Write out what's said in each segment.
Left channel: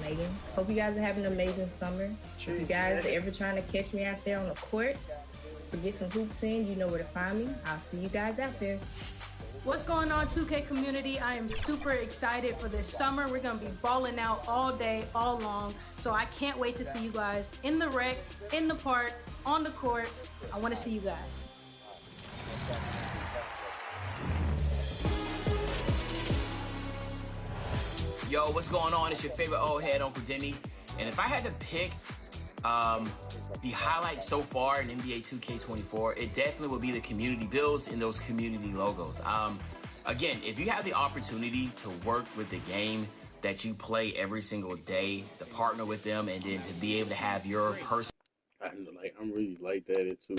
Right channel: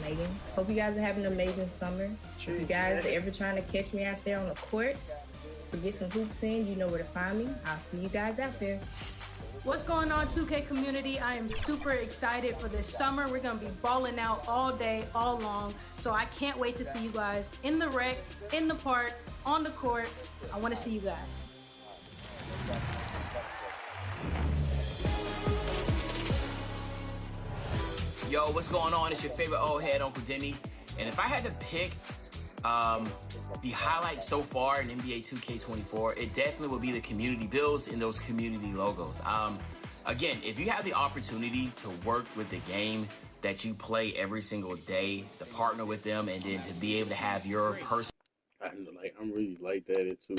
Megan, hope you guys are having an amazing summer. If you guys are ever trying to catch me out there on the courts or get some hoops in, you know where to find me. I'll see you guys out there. What's going on, 2K community? I am super excited for this summer. We're going to be balling out all day, all long. So I can't wait to see you guys in the rec, in the park, on the court. I want to see you guys. Yo, what's going on? It's your favorite old head, Uncle Demi. And if I had to pick the highlight so far in NBA 2K24, it definitely would be the community builds and those community logos. Again, if you have the opportunity to work with the game that you play every single day, to partner with them, and then to be able to have your personal... I'm really like that too.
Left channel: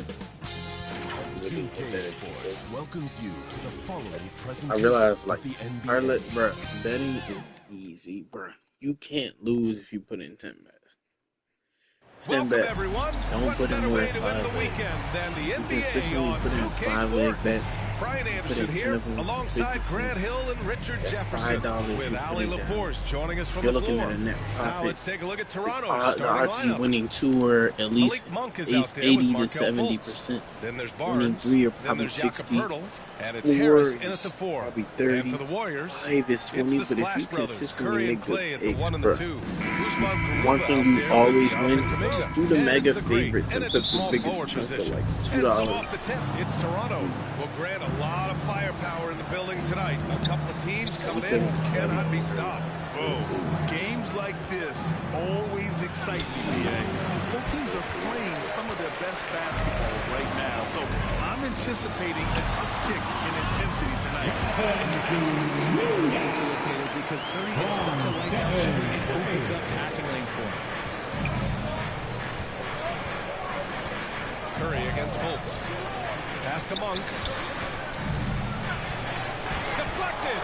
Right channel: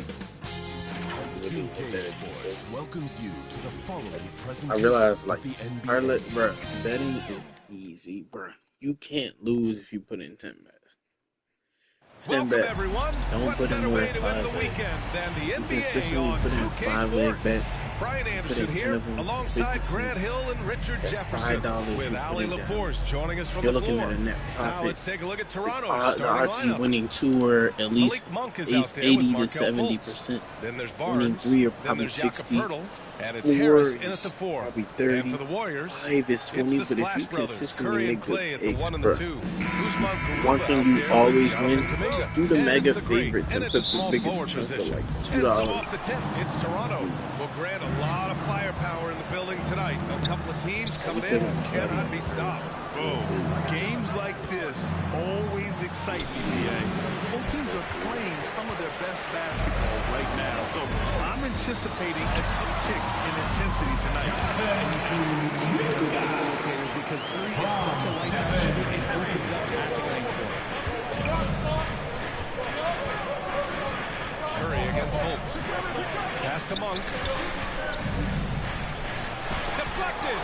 2K Sports welcomes you to the following presentation. I realized, like, the NBA. parlay, bro, betting is easy, bro. You can't lose if you put in 10 bets. 10 bets. Everyone. Don't put in more than 5 bets. You consistently put in 5 leg bets. Brian Anderson here, alongside Grant Hill and Richard Jefferson, with Ali LaForce joining us from You're the looking floor. at a net profit. Now let's take a look at Toronto's The starting odds of you lineup. winning 2 are at least Malik Monk is out there 80 with to Markelle 70%. Then there's Winning Barnes. 3 are Then probably there's Jakob 60. Poeltl, and it's 4 Harris in at the is 4. probably 30. And for the Warriors, 5 is 20, it's the but if Splash you Brothers, consistently Curry and make good Clay at the picks, 1 and bro. the 2. Usman Garuba One thing out you there with always Jonathan win Kuminga. is do the And mega it's the Great. favorites and And put it's a the small biggest forward chunk of position. like And so $2. off the tip, it's Toronto. Will grant a lot of firepower in the building tonight. A couple of teams coming in who cannot be stopped. Oh, games like this always excite me, BA. Both teams are playing some of their best basketball right now, so I'm anticipating an uptick in intensity tonight. And you absolutely facilitator because Curry is such a lights-out shooter, it opens up passing lanes for him. Curry against Fultz. Pass to Monk. Deflected.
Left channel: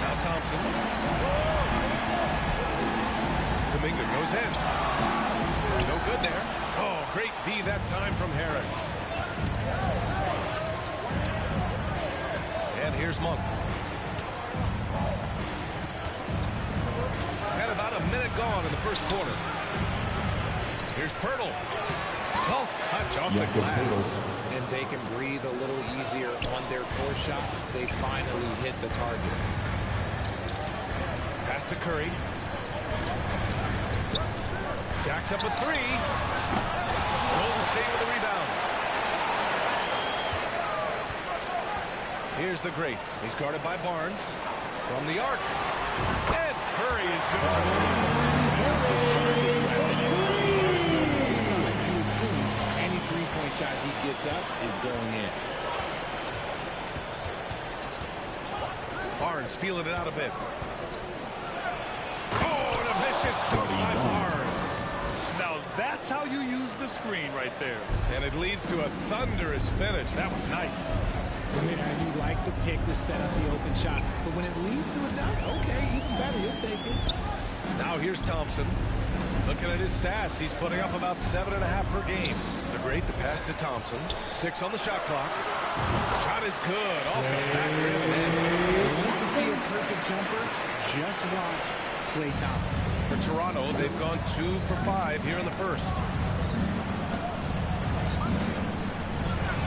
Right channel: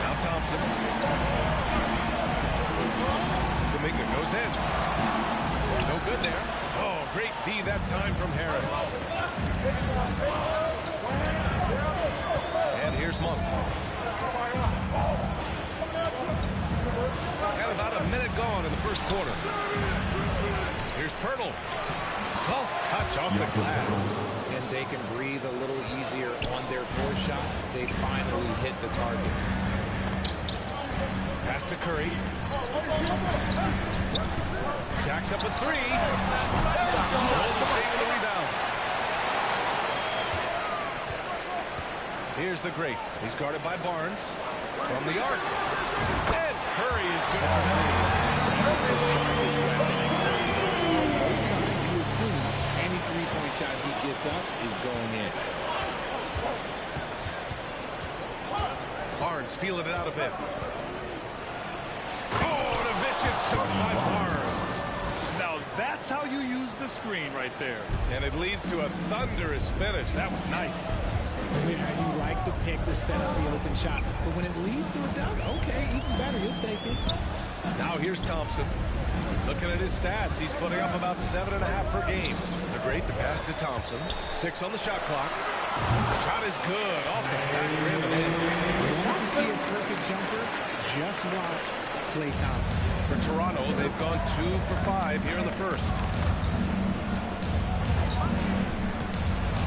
Now Thompson. Kuminga goes in. No good there. Oh, great D that time from Harris. And here's Monk. And about a minute gone in the first quarter. Here's Poeltl. Soft touch off the glass. And they can breathe a little easier on their fourth shot. They finally hit the target. Pass to Curry. Jacks up with 3. Golden State with a rebound. Here's the Great. He's guarded by Barnes. From the arc. And Curry is good for 3. He's the sharpest weapon in Curry's arsenal. Most times you assume any three-point shot he gets up is going in. Barnes feeling it out a bit. Oh, and a vicious dunk by Barnes. Now that's how you use the screen right there. And it leads to a thunderous finish. That was nice. Yeah, you like the pick to set up the open shot, but when it leads to a dunk, okay, even better, you'll take it. Now here's Thompson. Looking at his stats, he's putting up about 7.5 per game. The Great, the pass to Thompson. 6 on the shot clock. Shot is good off the back rim and in. You want to see a perfect jumper? Just watch Klay Thompson. For Toronto, they've gone 2 for 5 here in the first.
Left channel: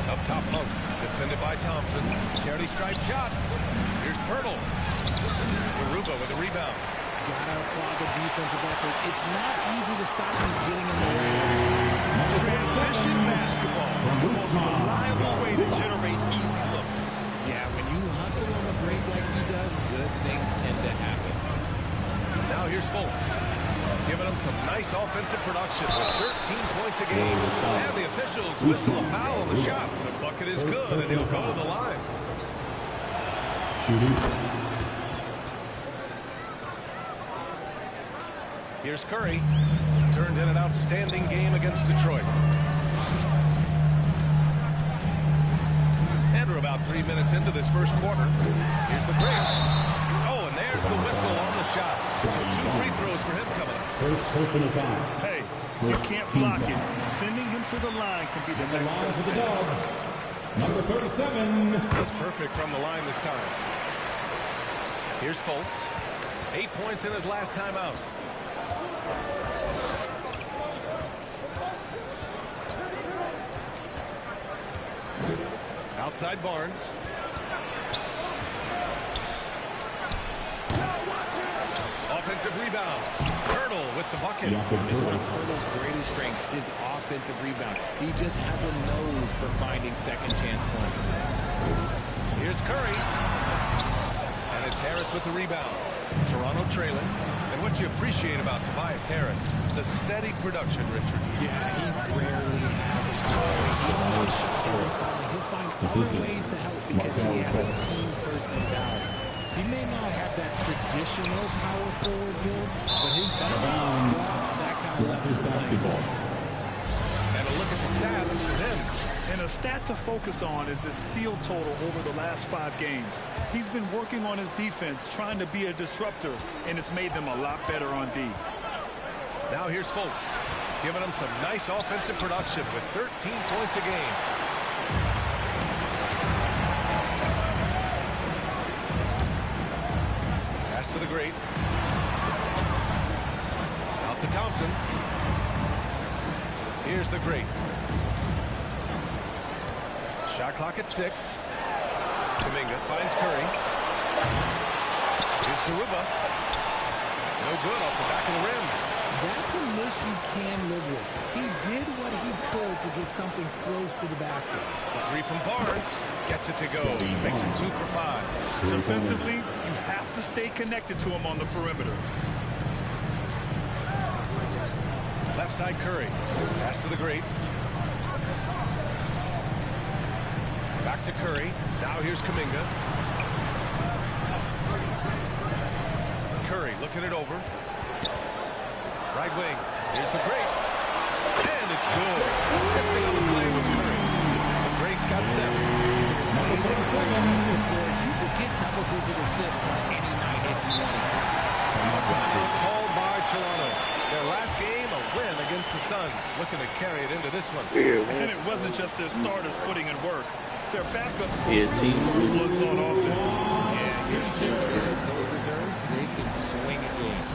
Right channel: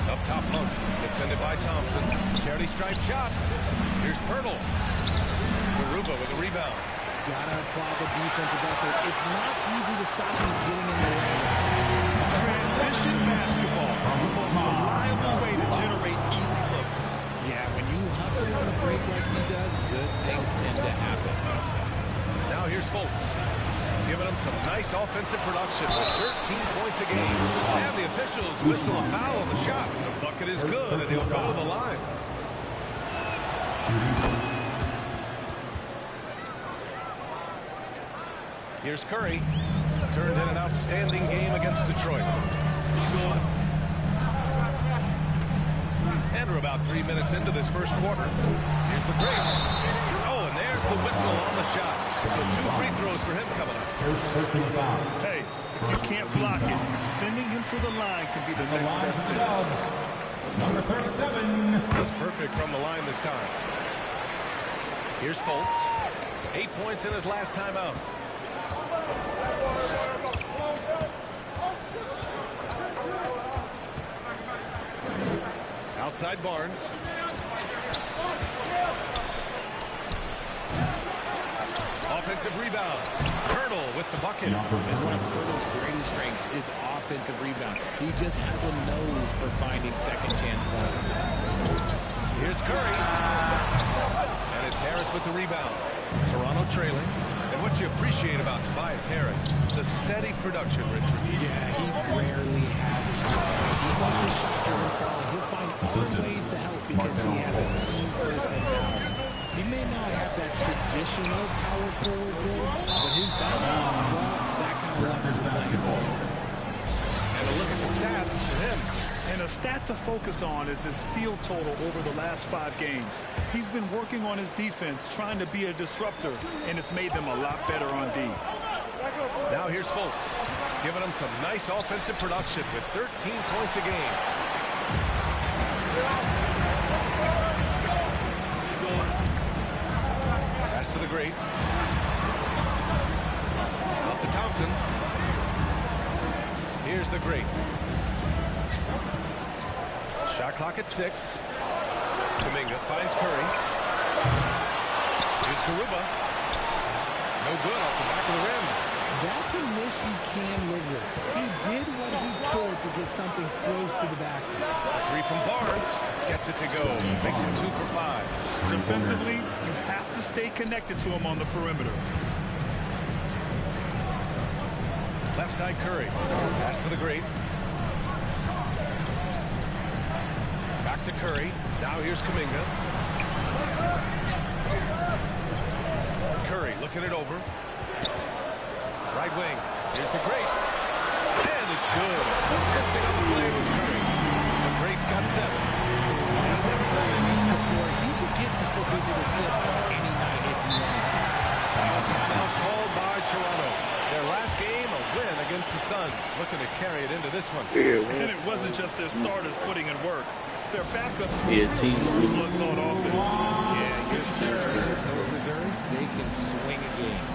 Up top, Monk. Defended by Thompson. Charity stripe shot. Here's Poeltl. Garuba with a rebound. Gotta applaud the defensive effort. It's not easy to stop him getting in the lane. Transition basketball, the most reliable way to generate easy looks. Yeah, when you hustle on the break like he does, good things tend to happen. Now here's Fultz. Giving him some nice offensive production with 13 points a game. And the officials whistle a foul on the shot. The bucket is good, and he'll go to the line. Here's Curry. Turned in an outstanding game against Detroit. And we're about 3 minutes into this first quarter. Here's the break. Oh, and there's the whistle on the shot. So 2 free throws for him coming up. First personal foul. Hey, if you can't block it, sending him to the line can be the next best thing. Number 37. That's perfect from the line this time. Here's Fultz. 8 points in his last time out. Outside Barnes. Offensive rebound. Hurdle with the bucket. Is one of Hurdle's greatest strengths is offensive rebound. He just has a nose for finding second chance points. Here's Curry. And it's Harris with the rebound. Toronto trailing. And what you appreciate about Tobias Harris, the steady production, Richard. Yeah, he rarely has a shot. Even if his shot isn't falling, he'll find other ways to help because he has a team-first mentality. He may not have that traditional power forward build, but his balance, well, that kind of levels the playing field. And a look at the stats for him. And a stat to focus on is his steal total over the last 5 games. He's been working on his defense, trying to be a disruptor, and it's made them a lot better on D. Now here's Fultz, giving them some nice offensive production with 13 points a game. Pass to the great. Out to Thompson. Here's the great. Shot clock at 6. Kuminga finds Curry. Here's Garuba. No good off the back of the rim. That's a miss you can live with. He did what he could to get something close to the basket. A 3 from Barnes. Gets it to go. Makes it 2 for 5. Defensively, you have to stay connected to him on the perimeter. Left side Curry. Pass to the great. Back to Curry. Now here's Kuminga. Curry looking it over. Right wing. Here's the great. And it's good. Assisting on the play was Curry. The great's got 7. The way that Curry reads the floor, he could get double-digit assists on any night if he wanted to. Now a timeout called by Toronto. Their last game, a win against the Suns. Looking to carry it into this one. And it wasn't just their starters putting in work. Their backups were slugs on offense. Yeah, your reserves, those reserves, they can swing a game.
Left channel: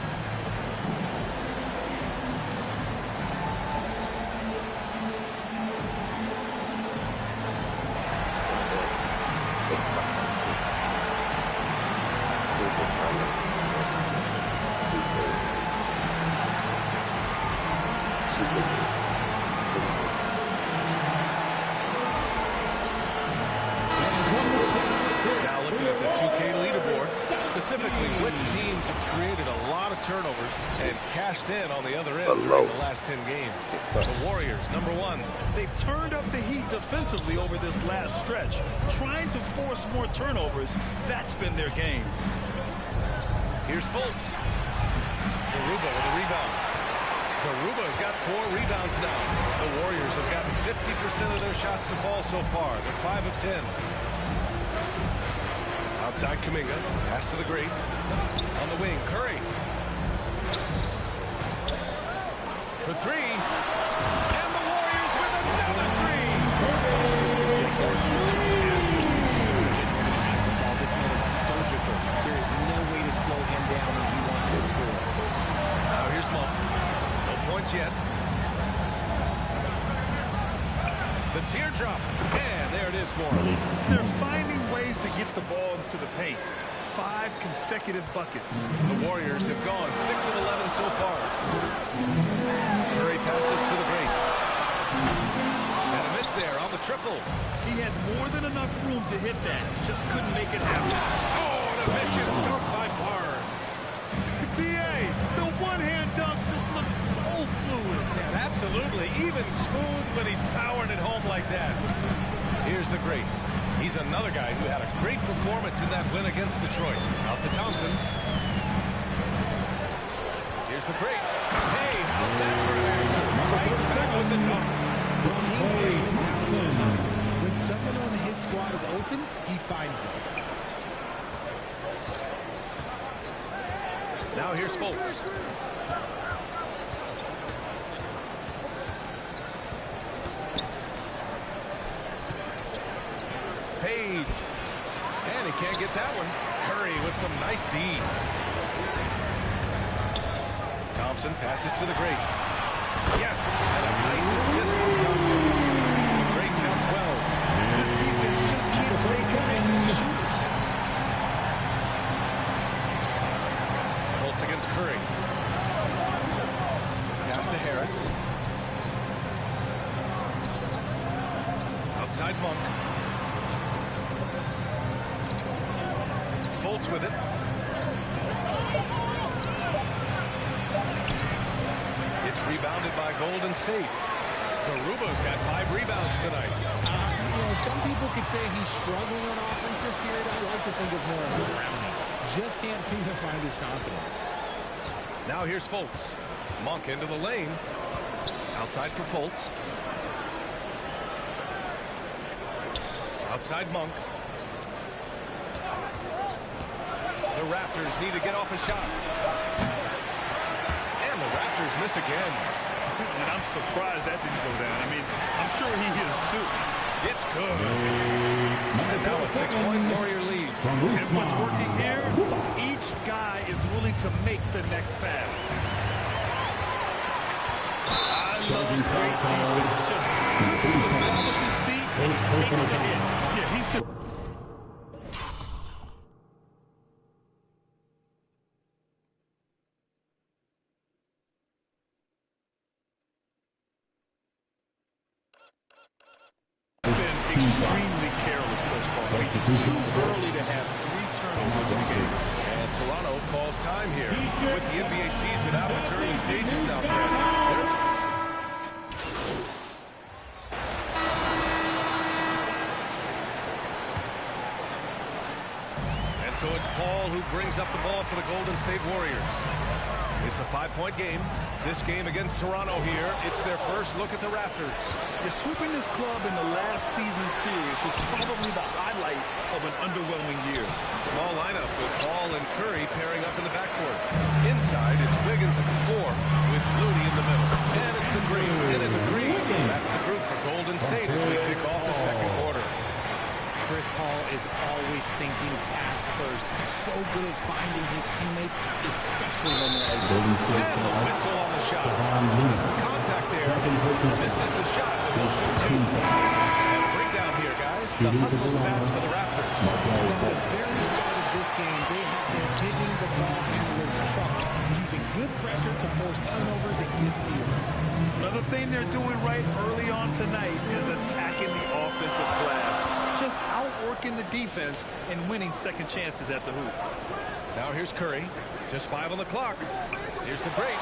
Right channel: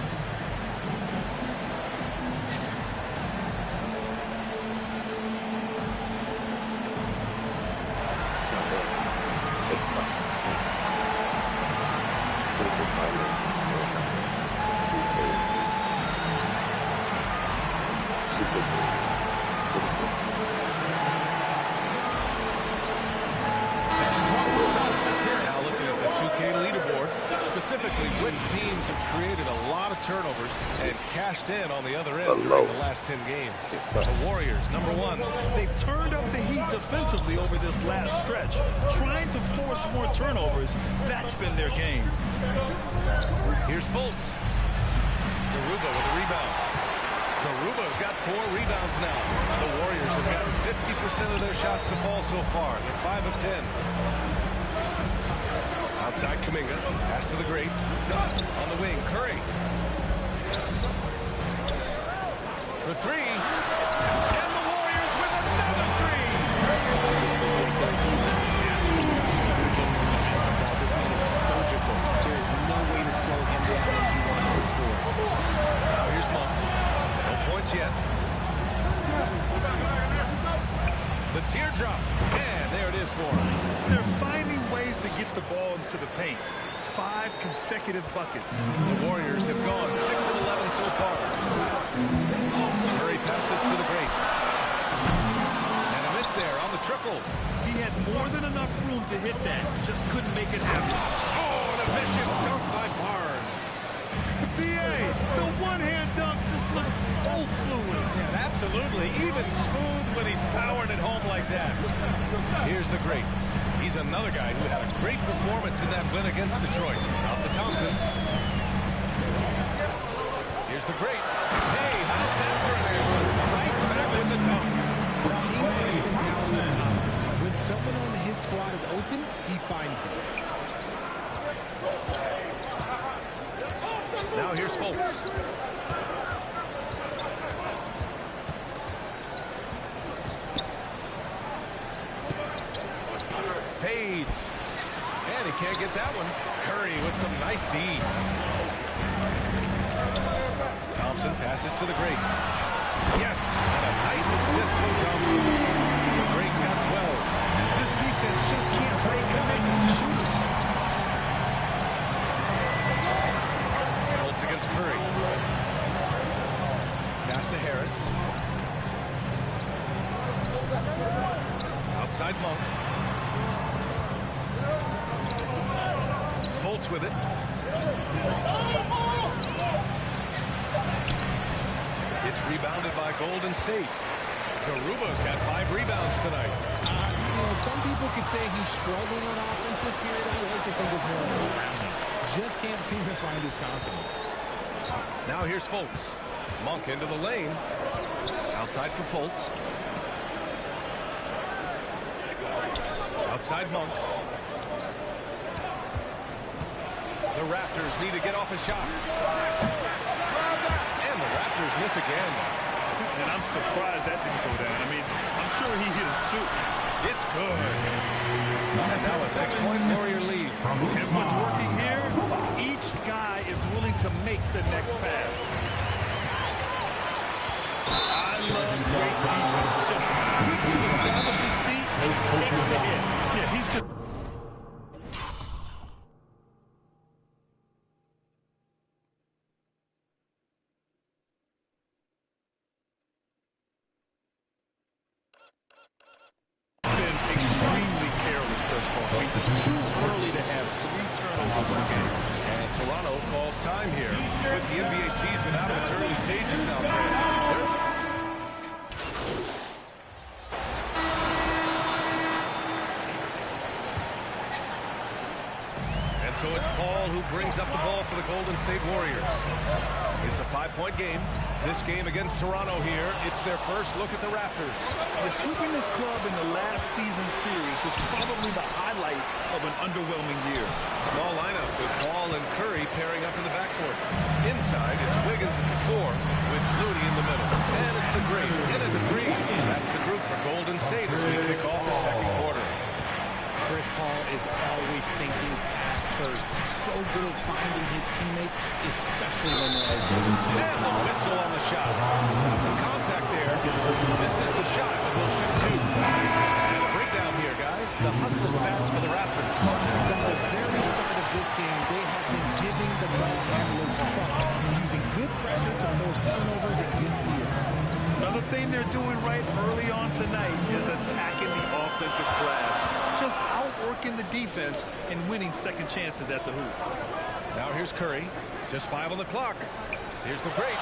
Now looking at the 2K leaderboard, specifically which teams have created a lot of turnovers and cashed in on the other end during the last 10 games. The Warriors, number 1. They've turned up the heat defensively over this last stretch, trying to force more turnovers. That's been their game. Here's Fultz. Garuba with a rebound. Garuba's got 4 rebounds now. The Warriors have gotten 50% of their shots to fall so far. They're 5 of 10. Outside Kuminga. Pass to the great. On the wing, Curry. For 3. And the Warriors with another 3. Ridiculous. He's just an absolute surgeon when he has the ball. This man is surgical. There is no way to slow him down when he wants to score. Now here's Monk. No points yet. The teardrop. And there it is for him. They're finding ways to get the ball into the paint. 5 consecutive buckets. The Warriors have gone 6 of 11 so far. Curry passes to the great. And a miss there on the triple. He had more than enough room to hit that. Just couldn't make it happen. Oh, and a vicious dunk by Barnes. B.A., the one-hand dunk just looks so fluid. Yeah, absolutely. Even smooth when he's powering it home like that. Here's the great. He's another guy who had a great performance in that win against Detroit. Out to Thompson. Here's the great. Hey, how's that for an answer? Right back with the dunk. The team-first mentality of Thompson. When someone on his squad is open, he finds them. Now here's Fultz. fades. And he can't get that one. Curry with some nice D. Thompson passes to the Great. Yes, and a nice assist from Thompson. The Great's got 12. This defense just can't stay connected to shooters. Colts against Curry. Pass to Harris. Outside Monk. Fultz with it. It's rebounded by Golden State. Garuba's got 5 rebounds tonight. You know, some people could say he's struggling on offense this period. I like to think of more of drowning. Just can't seem to find his confidence. Now here's Fultz. Monk into the lane. Outside for Fultz. Outside Monk. The Raptors need to get off a shot. And the Raptors miss again. And I'm surprised that didn't go down. I mean, I'm sure he is too. It's good. And now a 6-point Warrior lead. And what's working here, each guy is willing to make the next pass. I love great defense. Just quick to establish his feet, and he takes the hit. Yeah, he's just... been extremely careless thus far. I mean, too early to have 3 turnovers in a game. And Toronto calls time here. With the NBA season out of its early stages now, Grant. And so it's Paul who brings up the ball for the Golden State Warriors. It's a 5-point game. This game against Toronto here, it's their first look at the Raptors. Yeah, sweeping this club in the last season's series was probably the highlight of an underwhelming year. Small lineup with Paul and Curry pairing up in the backcourt. Inside, it's Wiggins at the 4 with Looney in the middle. And it's the Great in at the 3. That's the group for Golden State as we kick off the second quarter. Chris Paul is always thinking pass first. He's so good at finding his teammates, especially when they're and the whistle on the shot. Got some contact there. Misses the shot, but they'll shoot 2. And a breakdown here, guys. The hustle stats for the Raptors. From the very start of this game, they have been giving the ball handlers trouble, using good pressure to force turnovers and get steals. Another thing they're doing right early on tonight is attacking the offensive glass. Just outworking the defense and winning second chances at the hoop. Now here's Curry. Just 5 on the clock. Here's the Great.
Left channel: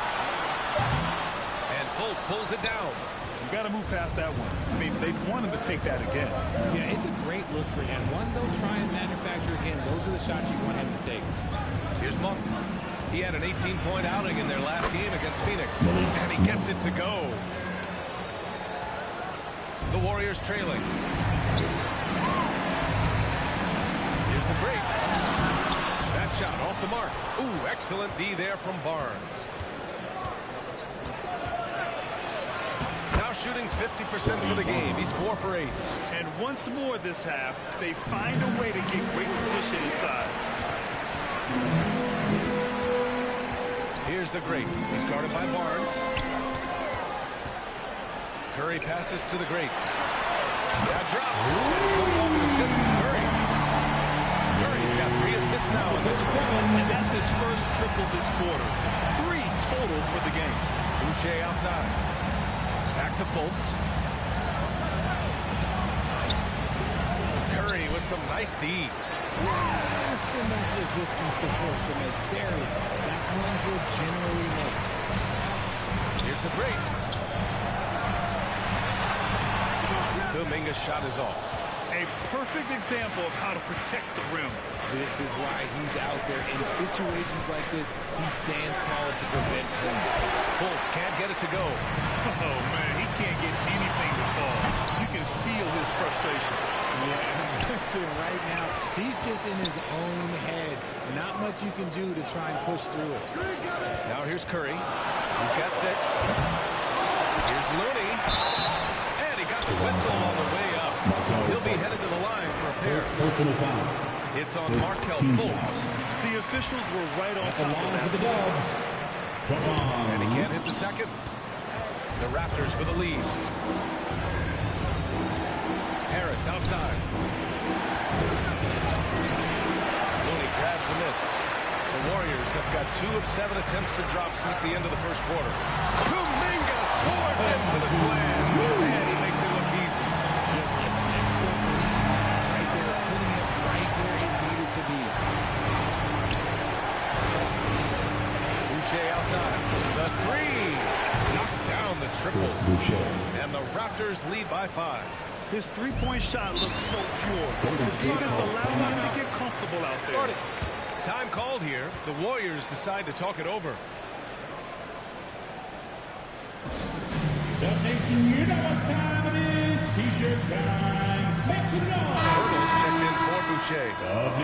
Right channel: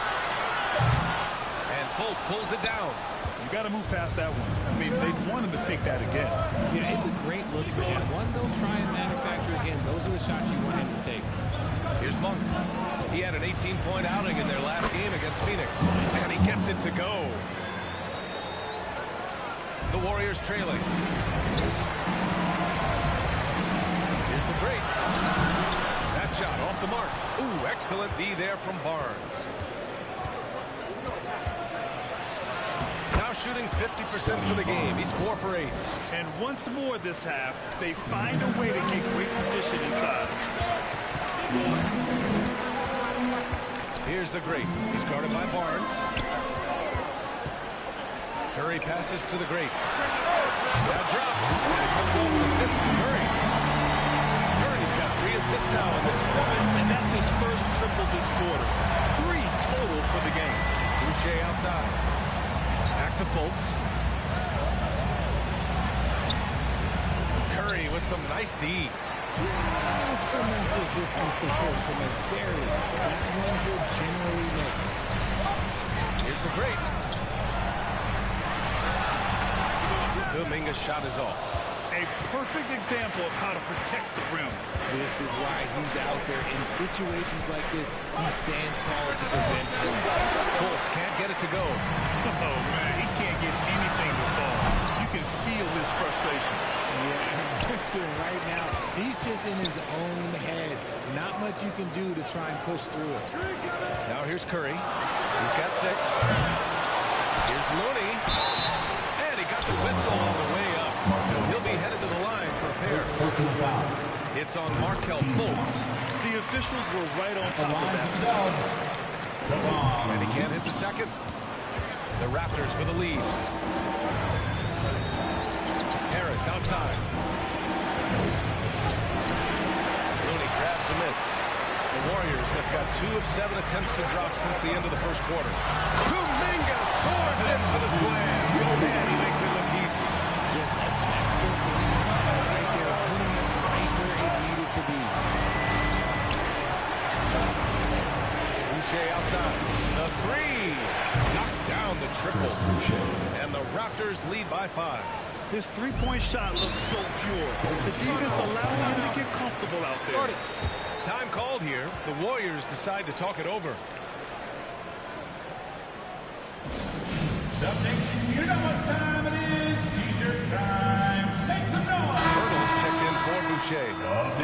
And Fultz pulls it down. You got to move past that one. I mean, they want him to take that again. Yeah, it's a great look for him. One they'll try and manufacture again. Those are the shots you want him to take. Here's Monk. He had an 18-point outing in their last game against Phoenix. And he gets it to go. The Warriors trailing. Here's the Great. That shot off the mark. Ooh, excellent D there from Barnes. Now shooting 50% for the game. He's 4 for 8. And once more this half, they find a way to get great position inside. Here's the Great. He's guarded by Barnes. Curry passes to the Great. That drops. And it comes off an assist from Curry. Curry's got 3 assists now in this one. And that's his first triple this quarter. 3 total for the game. Boucher outside. Back to Fultz. Curry with some nice D. Just enough resistance to force from as barely. That's one he'll generally make. Here's the Great. Kuminga's shot is off. A perfect example of how to protect the rim. This is why he's out there. In situations like this, he stands tall to prevent points. Fultz can't get it to go. Oh, man, he can't get anything to fall. You can feel his frustration. Yeah, right now, he's just in his own head. Not much you can do to try and push through it. Now here's Curry. He's got 6. Here's Looney. And he he got the whistle on the way up, so he'll be headed to the line for a pair. It's on Markelle Fultz. The officials were right on top of that. And he can't hit the second. The Raptors for the lead. Harris outside. Looney grabs a miss. The Warriors have got 2 of 7 attempts to drop since the end of the first quarter. Kuminga soars in for the slam. Man, he makes it look easy. Just a textbook lead pass right there, putting it right where it needed to be. Boucher outside. The 3 knocks down the triple. And the Raptors lead by 5. His three-point shot looks so pure. The defense allows him to get comfortable out there. Time called here. The Warriors decide to talk it over. Dub Nation, you know what time it is. T-shirt time. Make some noise. Hurdles checked in for Boucher.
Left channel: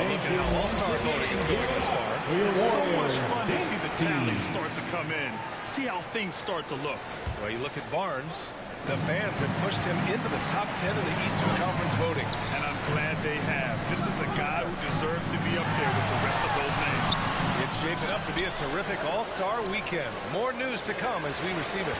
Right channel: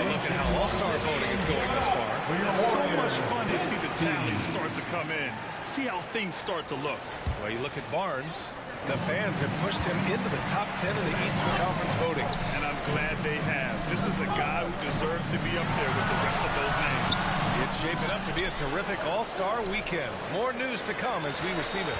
Look at how all-star voting is going this far. It's so much fun to see the tallies start to come in. See how things start to look. Well, you look at Barnes. The fans have pushed him into the top 10 in the Eastern Conference voting. And I'm glad they have. This is a guy who deserves to be up there with the rest of those names. It's shaping up to be a terrific all-star weekend. More news to come as we receive it.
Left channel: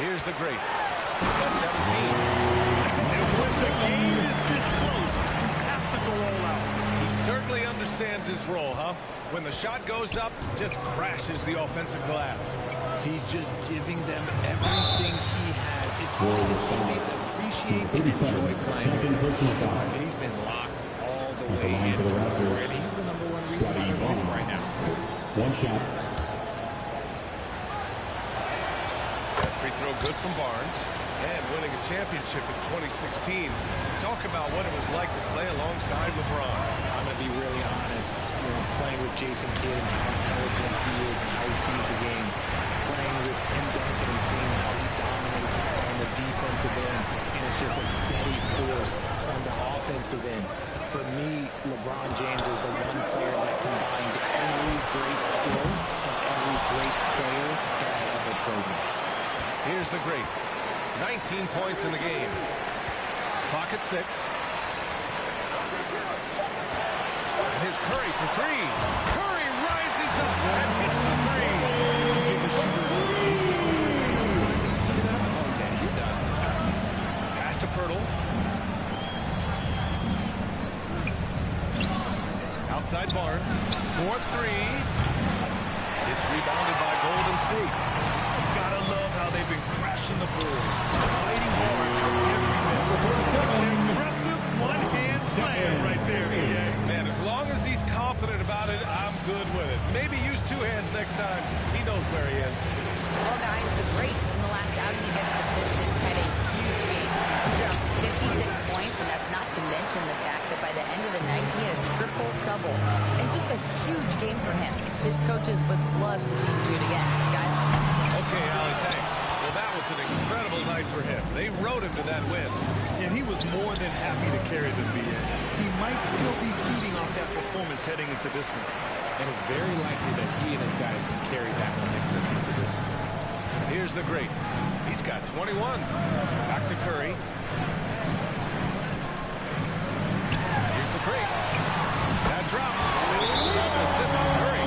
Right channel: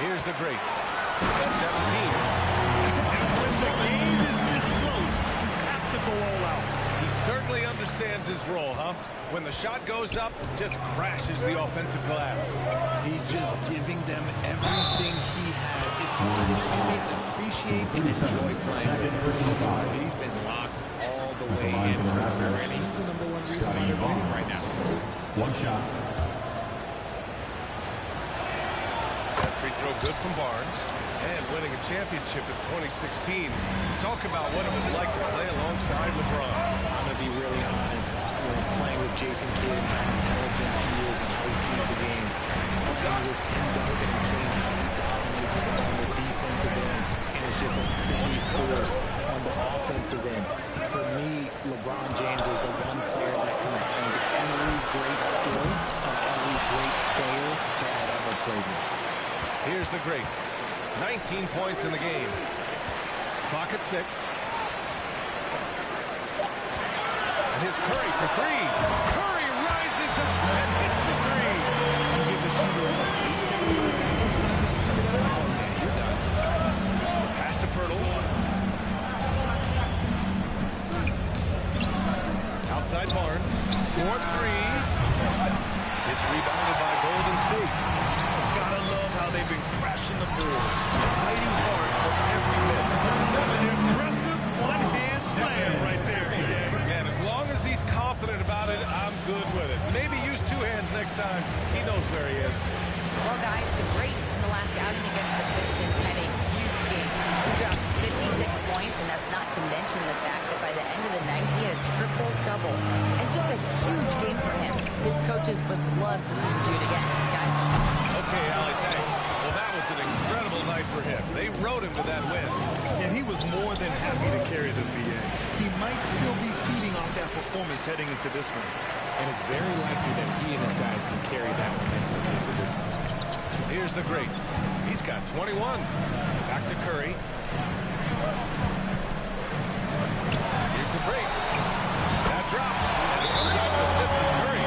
Here's the great. He's got 17. And when the game is this close, you have to go all out. He certainly understands his role, huh? When the shot goes up, just crashes the offensive glass. He's just giving them everything he has. It's what his teammates appreciate and enjoy playing with. He's been locked all the way in from the floor, and he's the #1 reason why they're winning right now. One shot. That free throw good from Barnes. And winning a championship in 2016. Talk about what it was like to play alongside LeBron. I'm going to be really honest. Playing with Jason Kidd and how intelligent he is and how he sees the game. Playing with Tim Duncan and seeing how he dominates on the defensive end. And it's just a steady force on the offensive end. For me, LeBron James is the one player that combined every great skill of every great player that I've ever played with. Here's the great. 19 points in the game. Clock at 6. And here's Curry for 3. Curry rises up and hits the 3. You give a shooter a face caliber, and it's time to see it out. Oh, yeah, you're done. Pass to Pirtle. Outside Barnes. 4-3. It's rebounded by Golden State. Gotta love how they've been crashing the boards, fighting hard for every miss. An impressive one-hand slam right there, EA. Man, as long as he's confident about it, I'm good with it. Maybe use 2 hands next time. He knows where he is. Well, guys, the great in the last outing against the Pistons had a huge game. He dropped 56 points, and that's not to mention the fact that by the end of the night, he had a triple-double. And just a huge game for him. His coaches would love to see him do it again. Guys? Okay, Allie, thanks. Well, that was an incredible night for him. They rode him to that win. And he was more than happy to carry the BA. He might still be feeding off that performance heading into this one. And it's very likely that he and his guys can carry that momentum into this one. Here's the great. He's got 21. Back to Curry. Here's the great. That drops. And it comes off an assist from Curry.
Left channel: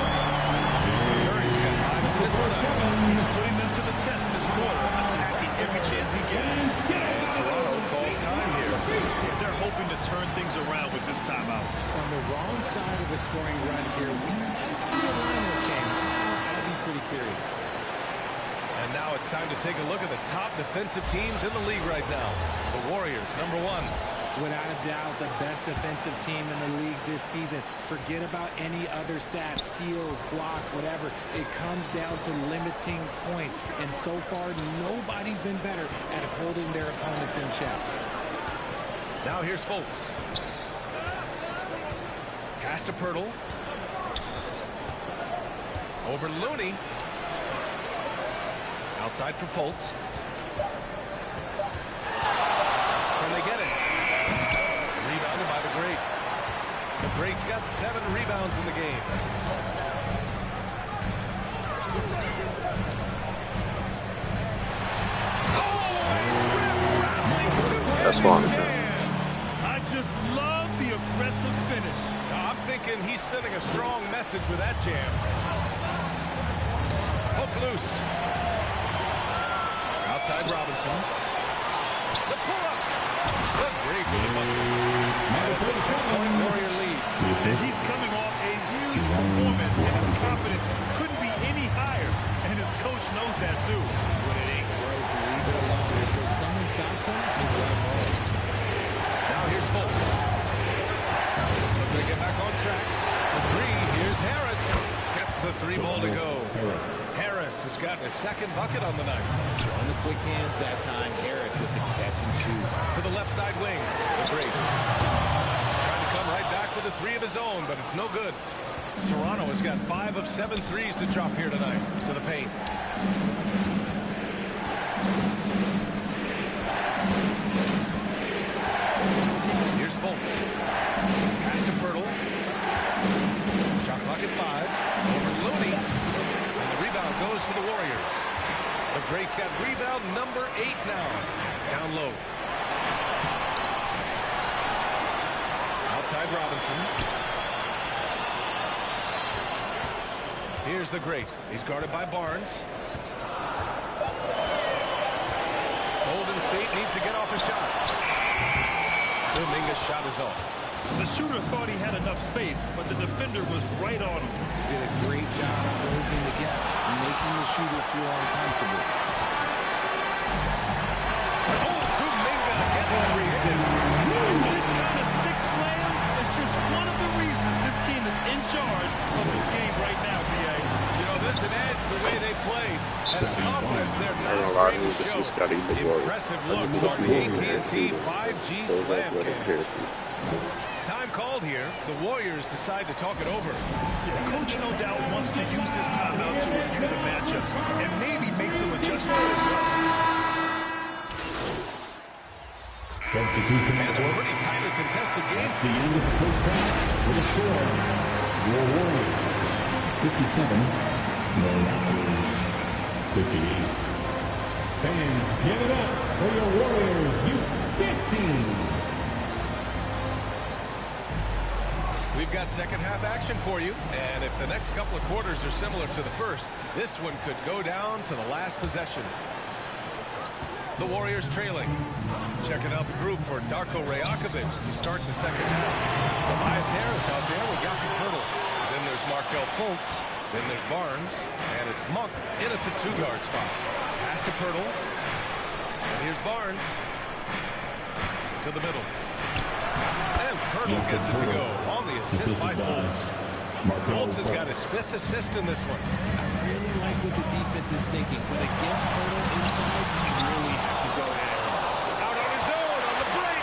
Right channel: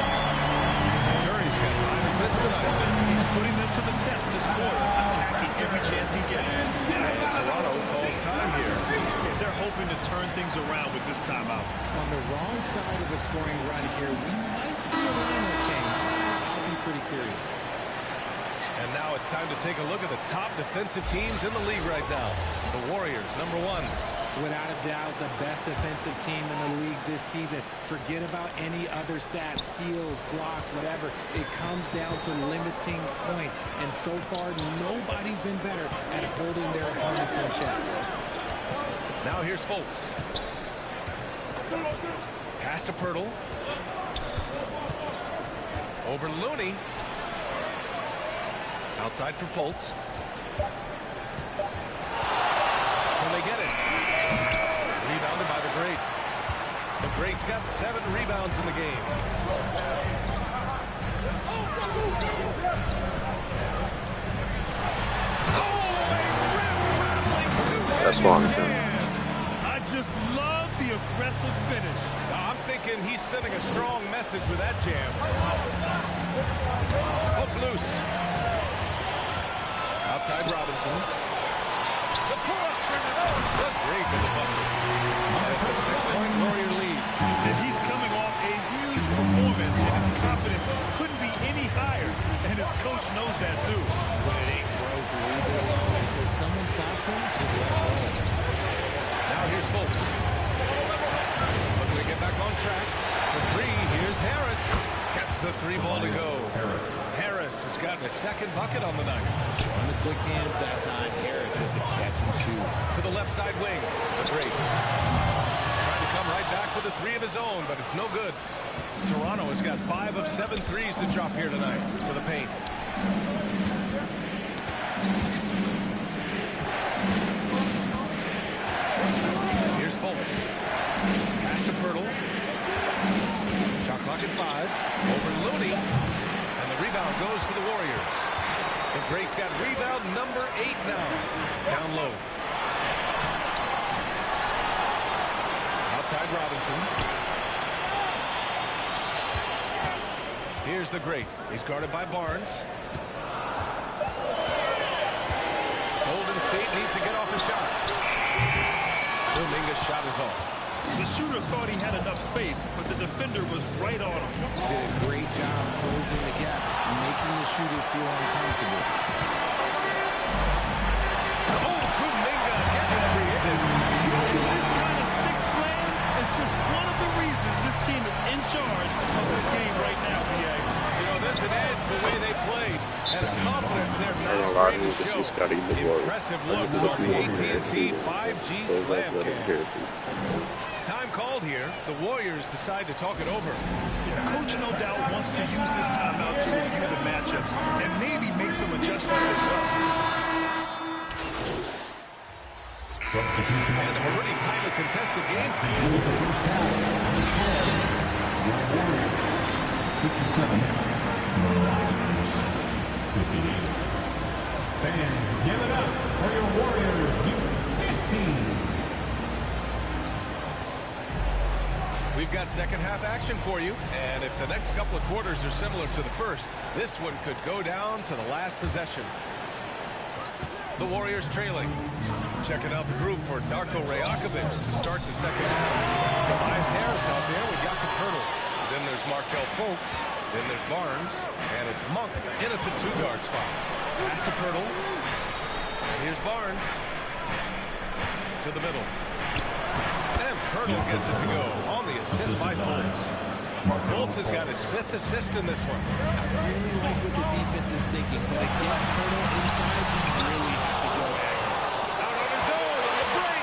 Curry's got 5 assists tonight. He's putting them to the test this quarter, attacking every chance he gets. And Toronto calls time here. They're hoping to turn things around with this timeout. On the wrong side of a scoring run here, we might see a lineup change. I'll be pretty curious. And now it's time to take a look at the top defensive teams in the league right now. The Warriors, #1. Without a doubt, the best defensive team in the league this season. Forget about any other stats, steals, blocks, whatever. It comes down to limiting points. And so far, nobody's been better at holding their opponents in check. Now here's Fultz. Pass to Pirtle. Over Looney. Outside for Fultz. Can they get it? Rebounded by the great. The great's got 7 rebounds in the game. Oh, a rim-rattling That's long term. I just love the aggressive finish. Now, I'm thinking he's sending a strong message with that jam. Hook loose. Outside Robinson. The pull-up. The great with the bucket. And it's a 6-point Warrior lead. And he's coming off a huge performance, and his confidence couldn't be any higher. And his coach knows that, too. When it ain't broke, leave it alone. Until someone stops him, just let him roll. Now here's Fultz. Looking to get back on track. For three, here's Harris. Gets the three ball to go. Harris has gotten his second bucket on the night. Showing the quick hands that time. Harris with the catch and shoot. To the left side wing. The great. Trying to come right back with a three of his own, but it's no good. Toronto has got 5 of 7 threes to drop here tonight. To the paint. Here's Fultz. Pass to Pirtle. Shot clock at 5. Over Looney. And the rebound goes to the Warriors. The Greats got rebound number 8 now. Down low. Outside Robinson. Here's the Great. He's guarded by Barnes. Golden State needs to get off a shot. Kuminga's shot is off. The shooter thought he had enough space, but the defender was right on him. Did a great job closing the gap, making the shooter feel uncomfortable. Oh, Kuminga getting creative. This kind of sick slam is just one of the reasons this team is in charge of this game right now, BA. You know, there's an edge the way they played, and a confidence they're not afraid to show. Impressive looks on the AT&T 5G Slam Cam. Time called here. The Warriors decide to talk it over. Yeah, Coach no doubt wants to use this timeout to review the matchups and maybe make some adjustments as well. And a pretty tightly contested game. That's the end of the first half. The score, your Warriors 57, the Raptors 58. Fans, give it up for your Warriors, U15. We've got second half action for you, and if the next couple of quarters are similar to the first, this one could go down to the last possession. The Warriors trailing. Checking out the group for Darko Rajakovic to start the second half. Tobias Harris out there with Jakob Poeltl. Then there's Markelle Fultz. Then there's Barnes. And it's Monk in at the 2-guard spot. Pass to Poeltl. And here's Barnes. To the middle. And Poeltl gets it to go on the assist by Fultz. Fultz has got his 5th assist in this one. I really like what the defense is thinking, but against Poeltl inside, you really have to go at him. Out on his own on the break.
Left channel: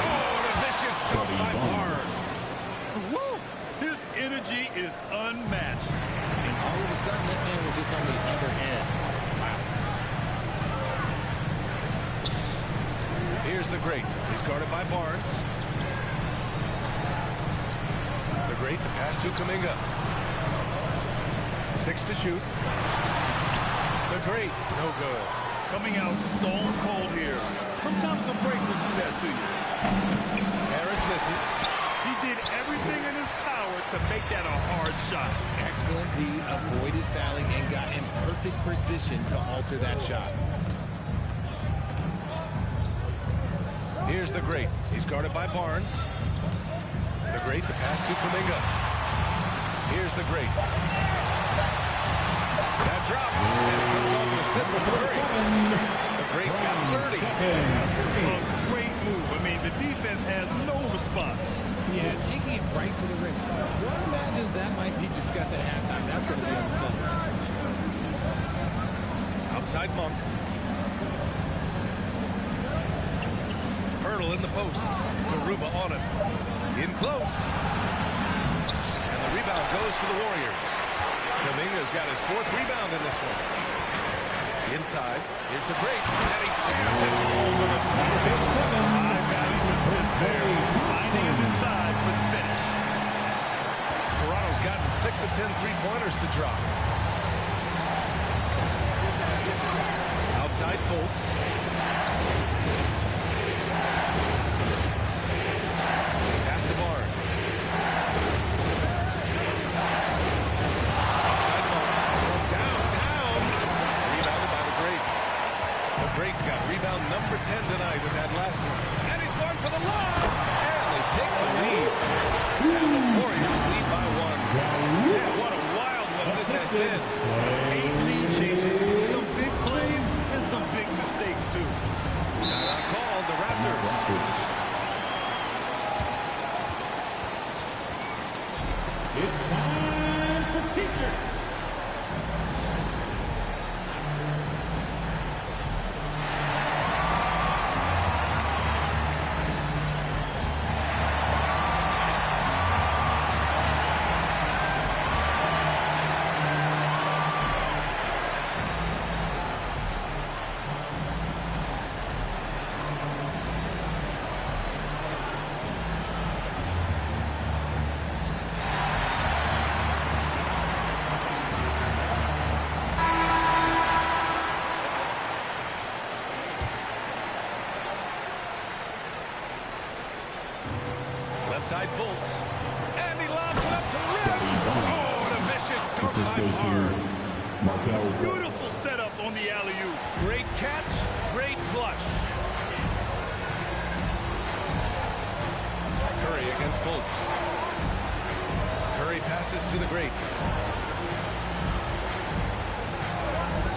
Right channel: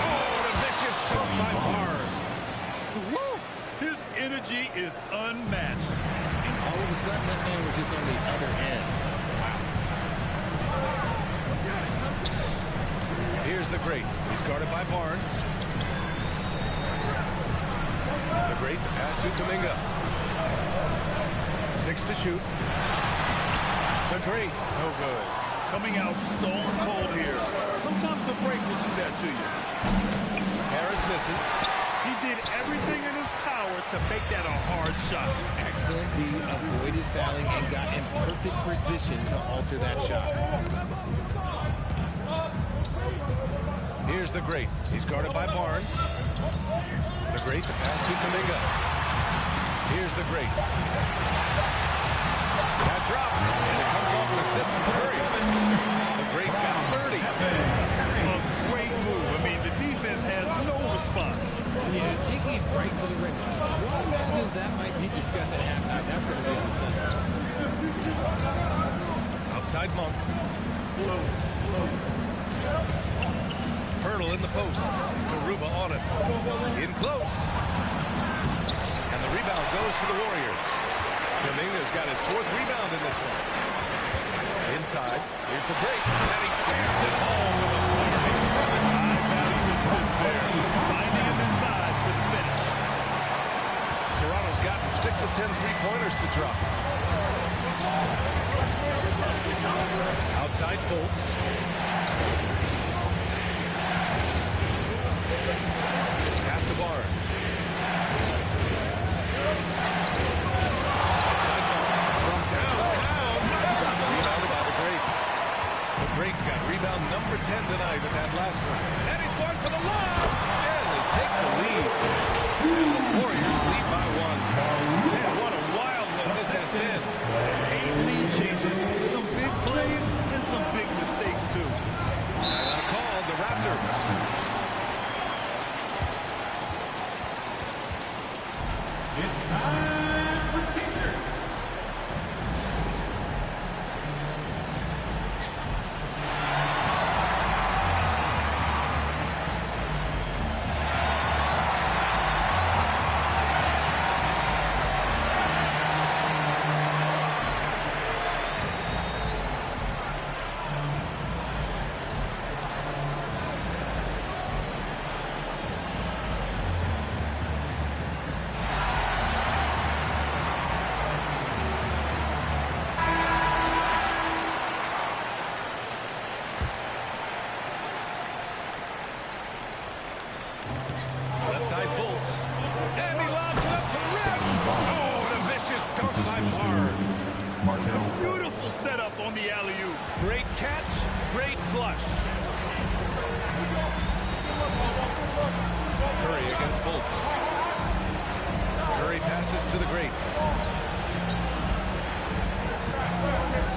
Oh, and a vicious dunk by Barnes. Woo! His energy is unmatched. And all of a sudden, that man was just on the other end. Wow. Here's the Great. He's guarded by Barnes. The Great, the pass to Kuminga. 6 to shoot. The Great, no good. Coming out stone cold here. Sometimes the break will do that to you. Harris misses. He did everything in his power to make that a hard shot. Excellent D, avoided fouling and got in perfect position to alter that shot. Here's the Great. He's guarded by Barnes. The Great, the pass to Kuminga. Here's the Great. That drops, and it comes off an assist from Curry. The Great's got 30. A great move. I mean, the defense has no response. Yeah, taking it right to the rim. One imagines that might be discussed at halftime. That's going to be on the film. Outside Monk. Poeltl in the post. Garuba on it. In close. And the rebound goes to the Warriors. Kuminga's got his 4th rebound in this one. Inside. Here's the Great. And he jams it home with authority. High value assist there. Finding him inside for the finish. Toronto's gotten 6 of 10 3-pointers to drop. Outside Fultz. Barnes. Outside from downtown. Rebounded by the Great. The Great's got rebound number 10 tonight with that last one. And he's going for the lob. And they take the lead. And the Warriors lead by 1. Man, what a wild one this has been. 8 lead changes, some big plays, and some big mistakes, too. Timeout called, the Raptors. It's time for T-shirts. Side Fultz. And he lobs it up to the rim. Oh, and a vicious dunk by Barnes. Beautiful setup on the alley-oop. Great catch, great flush. Curry against Fultz. Curry passes to the Great.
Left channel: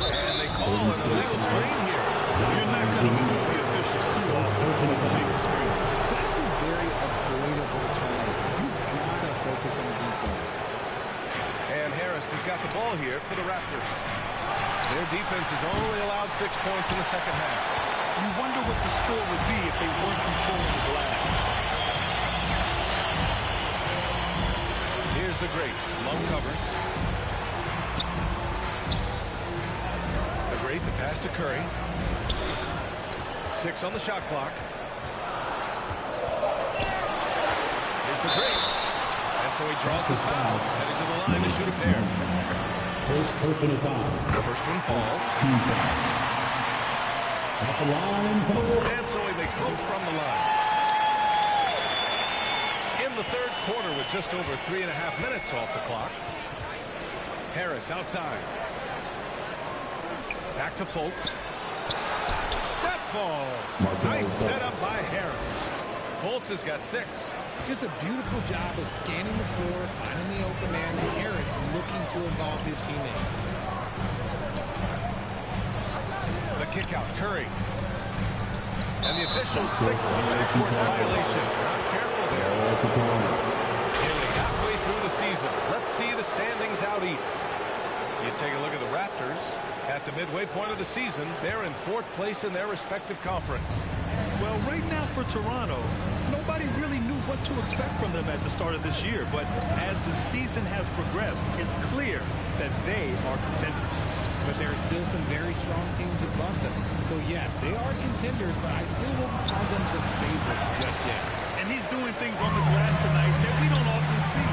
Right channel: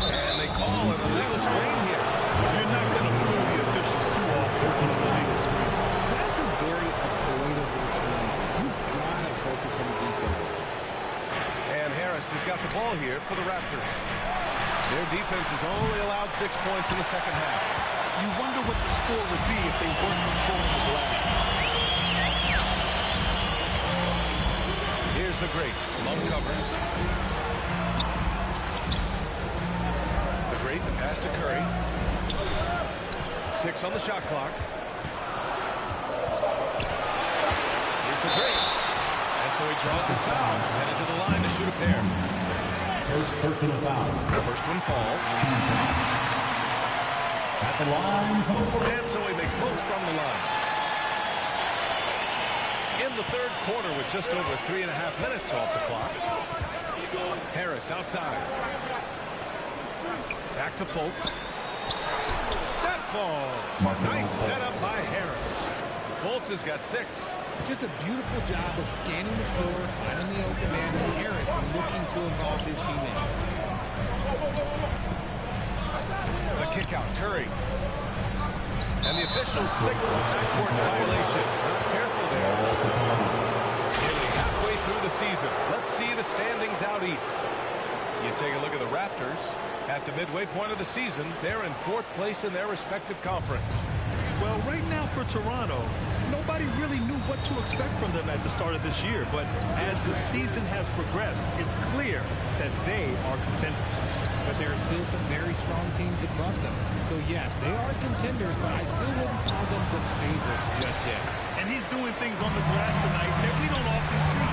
And they call an illegal screen here. You're not going to fool the officials too often on an illegal screen. That's a very avoidable turnover. You gotta focus on the details. And Harris has got the ball here for the Raptors. Their defense has only allowed 6 points in the second half. You wonder what the score would be if they weren't controlling the glass. Here's the Great. Love covers. The Great, the pass to Curry. 6 on the shot clock. Here's the Great. And so he draws the foul. Headed to the line to shoot a pair. First personal foul. The first one falls. At the line for the Warriors. And so he makes both from the line. In the third quarter with just over 3.5 minutes off the clock. Harris outside. Back to Fultz. That falls. Nice setup by Harris. Fultz has got 6. Just a beautiful job of scanning the floor, finding the open man. Harris looking to involve his teammates. The kick out, Curry. And the officials signal the backcourt violation. Not careful there. Nearly halfway through the season. Let's see the standings out east. You take a look at the Raptors. At the midway point of the season, they're in 4th place in their respective conference. Well, right now for Toronto, nobody really knew what to expect from them at the start of this year. But as the season has progressed, it's clear that they are contenders. But there are still some very strong teams above them. So, yes, they are contenders, but I still wouldn't call them the favorites just yet. And he's doing things on the glass tonight that we don't often see.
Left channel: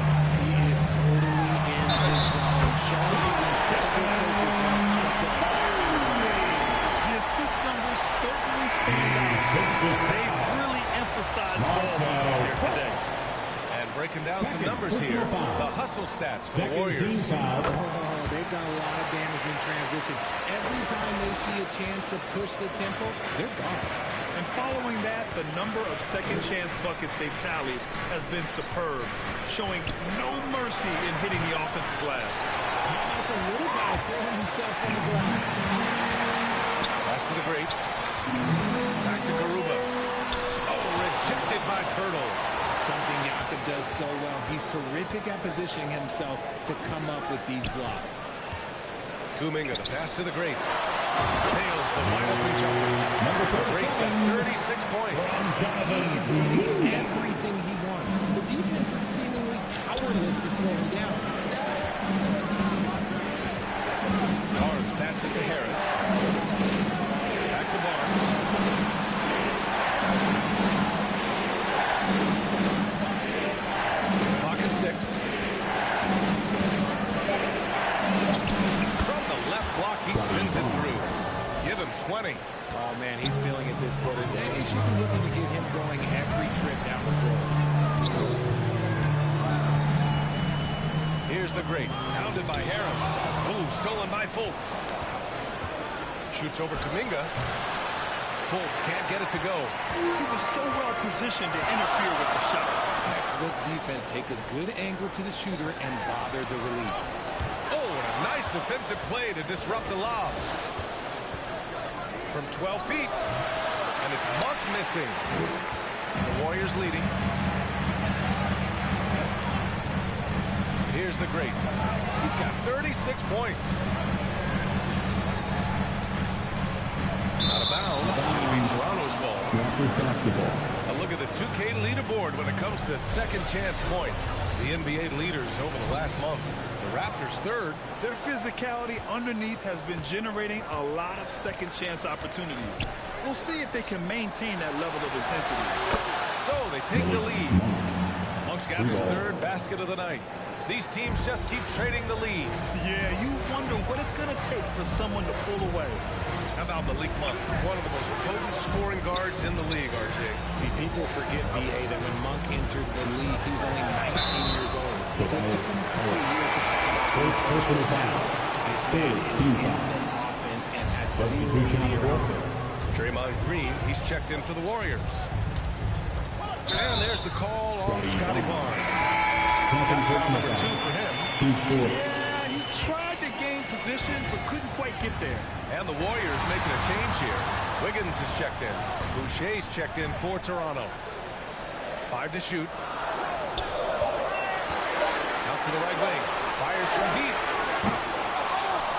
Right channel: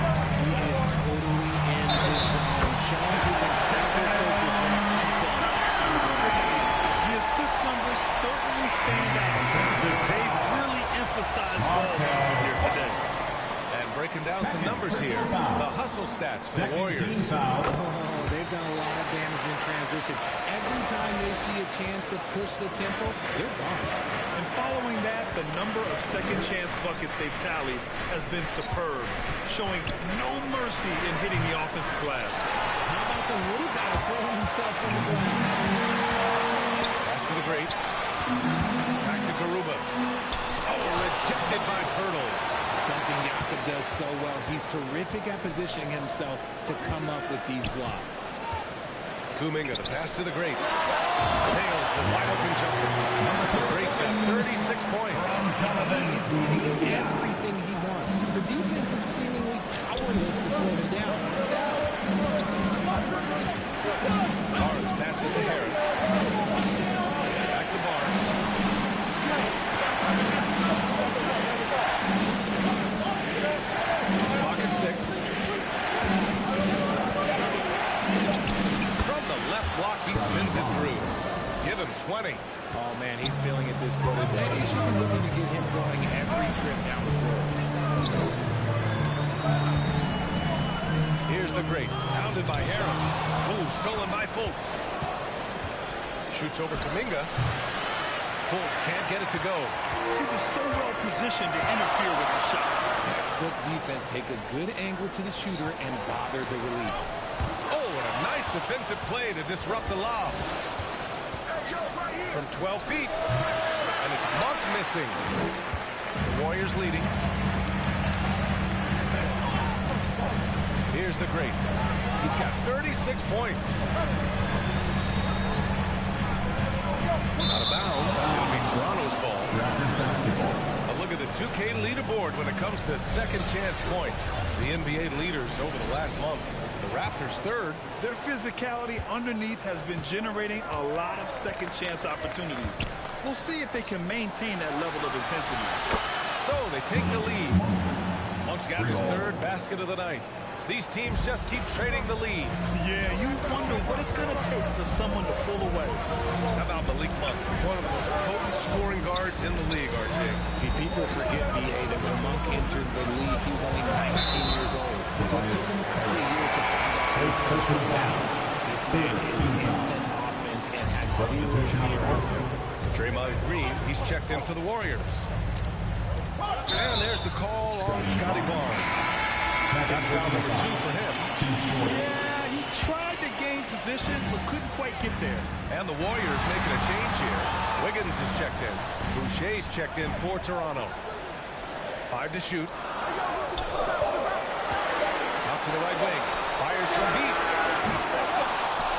He is totally in the zone, showing his incredible focus when it comes to attacking the glass. The assist numbers certainly stand out. They've really emphasized ball movement here today. And breaking down some numbers here, the hustle stats for the Warriors. Oh, they've done a lot of damage in transition. Every time they see a chance to push the tempo, they're gone. And following that, the number of second chance buckets they've tallied has been superb, showing no mercy in hitting the offensive glass. How about the little guy throwing himself on the glass? Pass to the Great. Back to Garuba. Oh, rejected by Pirtle. Something Jakob does so well. He's terrific at positioning himself to come up with these blocks. Kuminga, the pass to the Great. Nails the wide-open jumper. The Great's got 36 points. He is getting everything he wants. The defense is seemingly powerless to slow him down. It's sad. Barnes passes to Harris. Back to Barnes. Clock at 6. From the left block, he sends it through. Give him 20. Oh, man, he's feeling it this quarter. They should be looking to get him going every trip down the floor. Here's the great. Pounded by Harris. Ooh, stolen by Fultz. Shoots over Kuminga. Fultz can't get it to go. He was so well positioned to interfere with the shot. Textbook defense. Take a good angle to the shooter and bother the release. Oh, and a nice defensive play to disrupt the lob. From 12 feet. And it's Monk missing. The Warriors leading. Here's the great. He's got 36 points. Out of bounds. It'll be Toronto's ball. Raptors basketball. A look at the 2K leaderboard when it comes to second chance points. The NBA leaders over the last month. The Raptors third. Their physicality underneath has been generating a lot of second chance opportunities. We'll see if they can maintain that level of intensity. So they take the lead. Monk's got his third basket of the night. These teams just keep trading the lead. Yeah, you wonder what it's going to take for someone to pull away. How about Malik Monk, one of the most potent scoring guards in the league, RJ? See, people forget, B.A., that when Monk entered the league, he was only 19 years old. So it took him a couple of years to find out who he was. But now, this man is instant offense and has zero fear out there. Draymond Green, he's checked in for the Warriors. And there's the call on Scotty Barnes. That's foul number 2 for him. Yeah, he tried to gain position, but couldn't quite get there. And the Warriors making a change here. Wiggins is checked in. Boucher's checked in for Toronto. 5 to shoot. Out to the right wing. Fires from deep.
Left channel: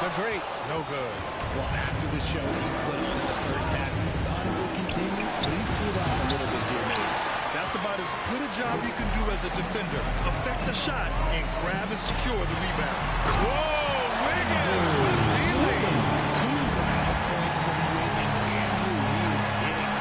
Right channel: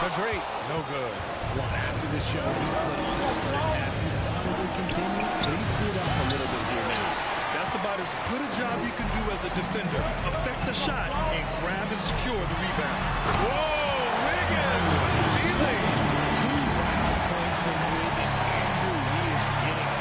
The great. No good. Well, after the show he put on in the first half, he thought it would continue, but he's cooled off a little bit here now. That's about as good a job you can do as a defender. Affect the shot and grab and secure the rebound. Whoa, Wiggins with feeling. 2 wild points from Wiggins. Andrew, he is getting it.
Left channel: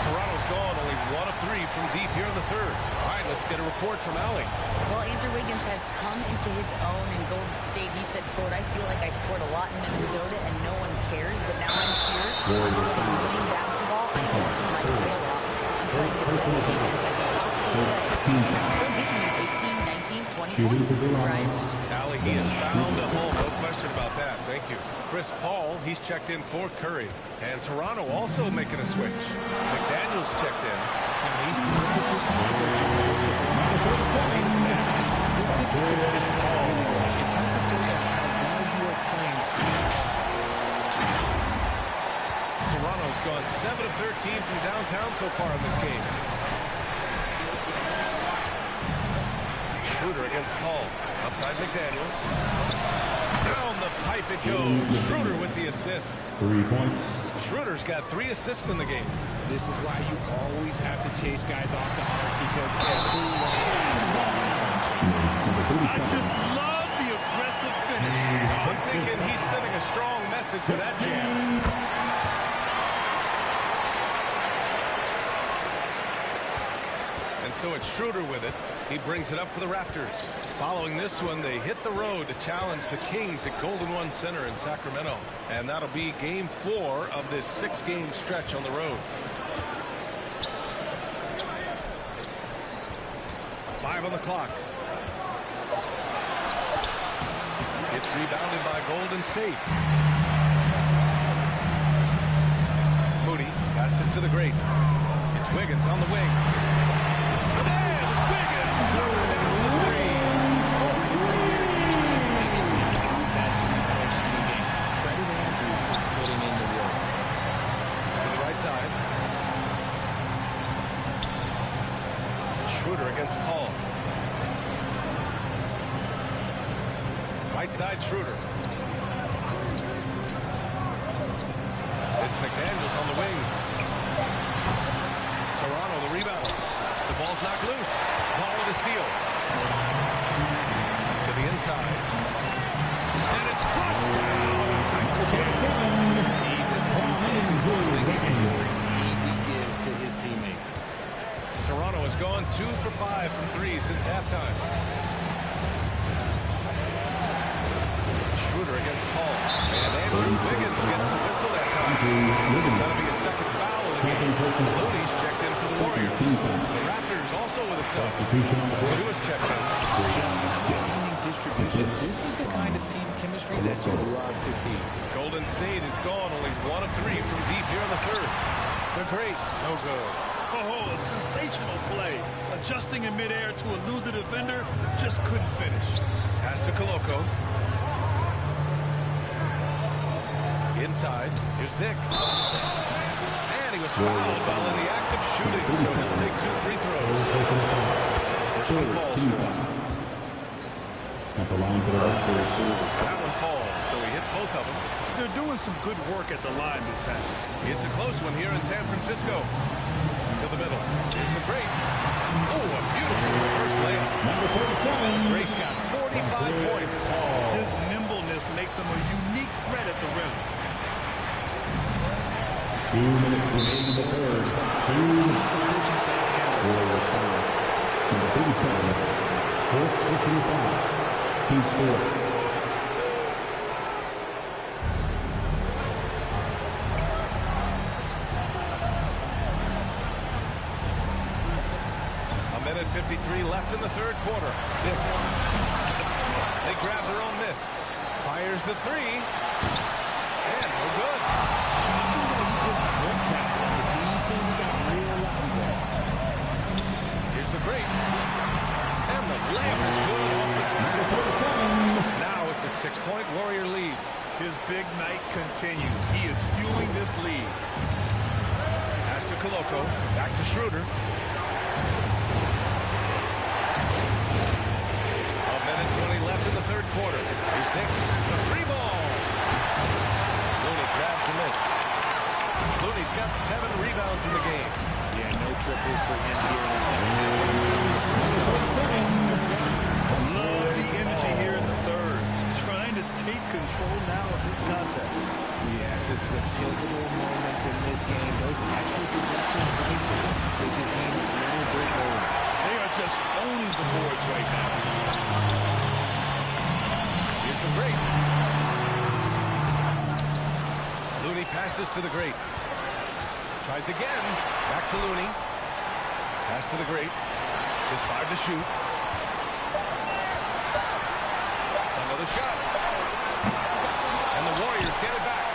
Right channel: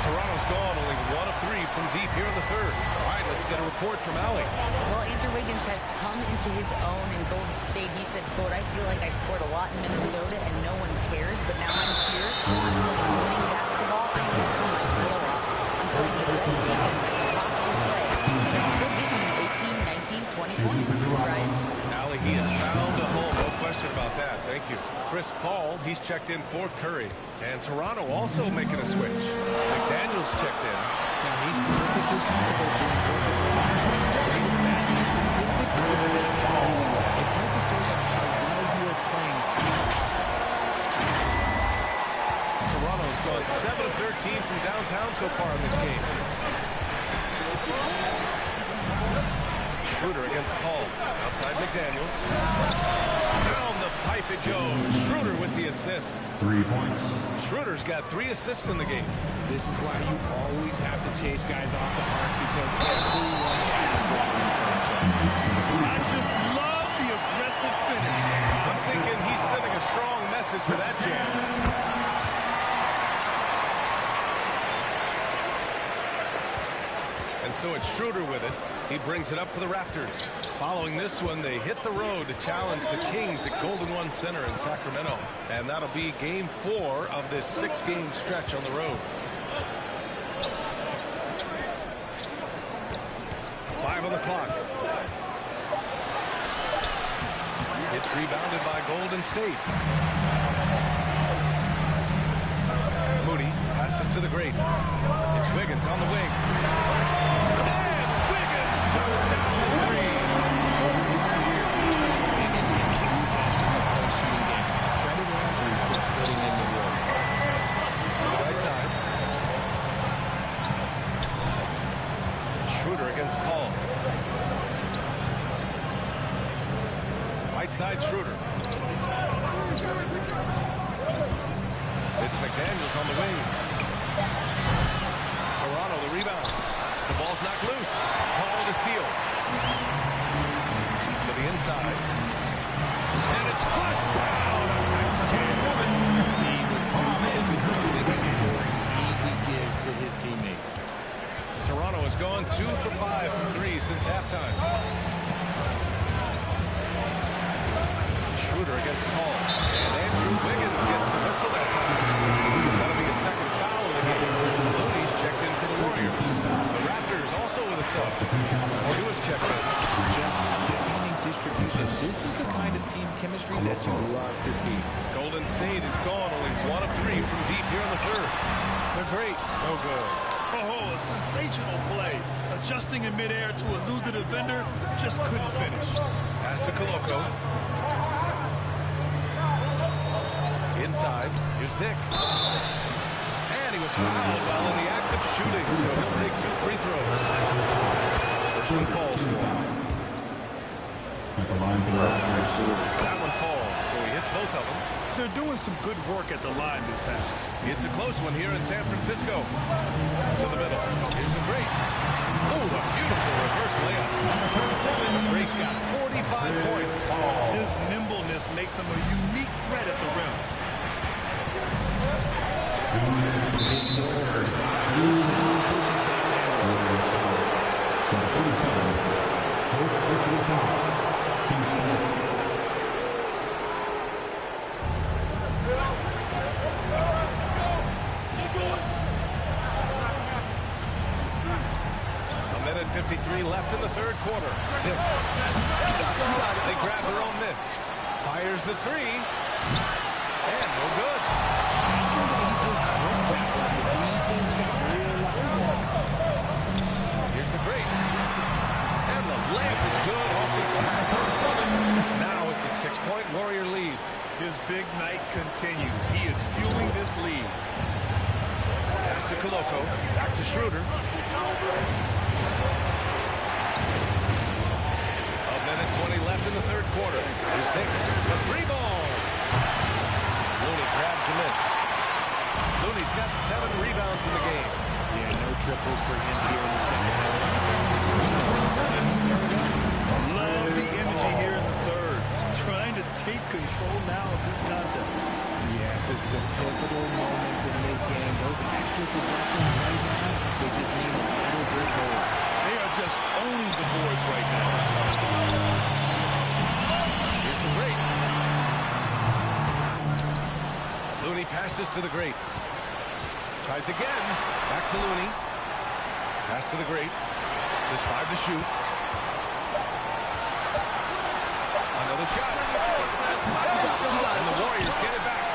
Toronto's gone only 1 of 3 from deep here in the third. All right, let's get a report from Allie. Well, Andrew Wiggins has come into his own in Golden State. He said, quote, I feel like I scored a lot in Minnesota and no one cares, but now I'm here playing winning basketball. I am working my tail off. I'm playing the best defense I can possibly play, and I'm still getting you 18, 19, 20 points, Brian. Allie, he has found a home. No question about that. Thank you. Chris Paul, he's checked in for Curry. And Toronto also making a switch. McDaniels checked in. Now he's perfectly comfortable doing work at the line. Great baskets, assisted. It's a step that I really like. It tells the story of how well you are playing team offense. Toronto's gone 7 of 13 from downtown so far in this game. Schroeder against Paul. Outside McDaniels. Down the pipe it goes. Schroeder with the assist. 3 points. Schroeder's got 3 assists in the game. This is why you always have to chase guys off the arc, because everyone has that three-point shot. I just love the aggressive finish. I'm thinking he's sending a strong message with that jam. And so it's Schroeder with it. He brings it up for the Raptors. Following this one, they hit the road to challenge the Kings at Golden One Center in Sacramento. And that'll be game 4 of this 6-game stretch on the road. 5 on the clock. It's rebounded by Golden State. Moody passes to the great. It's Wiggins on the wing. And Wiggins knocks down the 3. Over his career, we've seen Wiggins improve that three-point shooting game. Credit Andrew for putting in the work. To the right side. Schroeder against Paul. Right side Schroeder. It's McDaniels on the wing. Toronto the rebound. The ball's knocked loose. Paul with a steal. To the inside. And it's flushed down. A nice kick. He was too focused on Wiggins scoring. Easy give to his teammate. Toronto has gone 2 for 5 from 3 since halftime. Schroeder against Paul. And Andrew Wiggins gets the whistle that time. That'll be a second foul of the game. Looney's checked in for the Warriors. The Raptors also also with a sub. Jewish checked in. Just outstanding distribution. This is the kind of team chemistry that you love to see. Golden State is gone, only 1 of 3 from deep here in the third. They're great. No good. Oh, a sensational play. Adjusting in midair to elude the defender, just couldn't finish. Pass to Koloko. Inside, here's Dick. And he was fouled while in the act of shooting, so he'll take 2 free throws. First one falls for him. At the line for the Raptors. That one falls, so he hits both of them. They're doing some good work at the line this half. It's a close one here in San Francisco. To the middle. Here's the Great. Oh, a beautiful reverse layup. Number 37. The Great's got 45 points. His nimbleness makes him a unique threat at the rim. 2 minutes remaining in the third. We'll see how the coaching staff handles this. Number 37. Fourth personal foul. Team's fourth. A minute 53 left in the third quarter. Dick. They grab their own miss. Fires the 3. And no good. Shocking that he just broke that one. The defense got real loud. Here's the Great. And the layup is good off the glass. Now it's a 6-point Warrior lead. His big night continues. He is fueling this lead. Pass to Koloko. Back to Schroeder. A minute 20 left in the third quarter. Here's Dick. The 3-ball. Looney grabs a miss. Looney's got 7 rebounds in the game. Yeah, no triples for him here in the second half. Can he turn it up? Love the energy here in the third. Trying to take control now of this contest. Yes, this is a pivotal moment in this game. Those extra possessions right now, they just mean a little bit more. They are just owning the boards right now. Here's the Great. Looney passes to the Great. Tries again. Back to Looney. Pass to the Great. Just 5 to shoot. Another shot. And the Warriors get it back.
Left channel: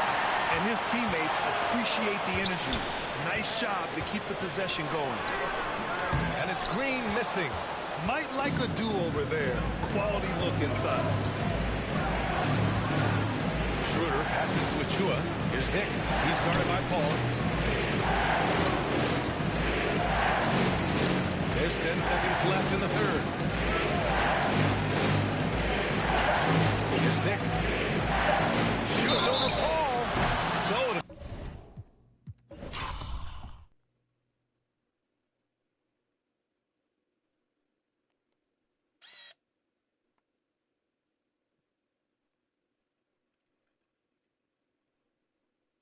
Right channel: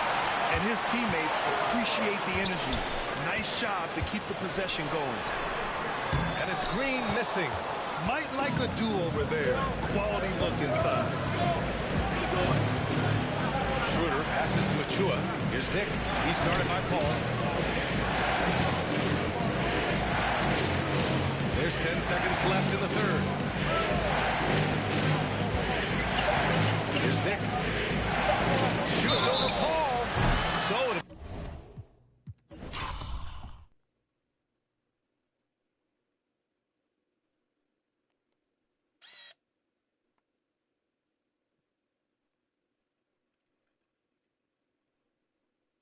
And his teammates appreciate the energy. Nice job to keep the possession going. And it's Green missing. Might like a do-over there. Quality look inside. Schroeder passes to Achua. Here's Dick. He's guarded by Paul. There's 10 seconds left in the third. Here's Dick. Shoots over Paul. So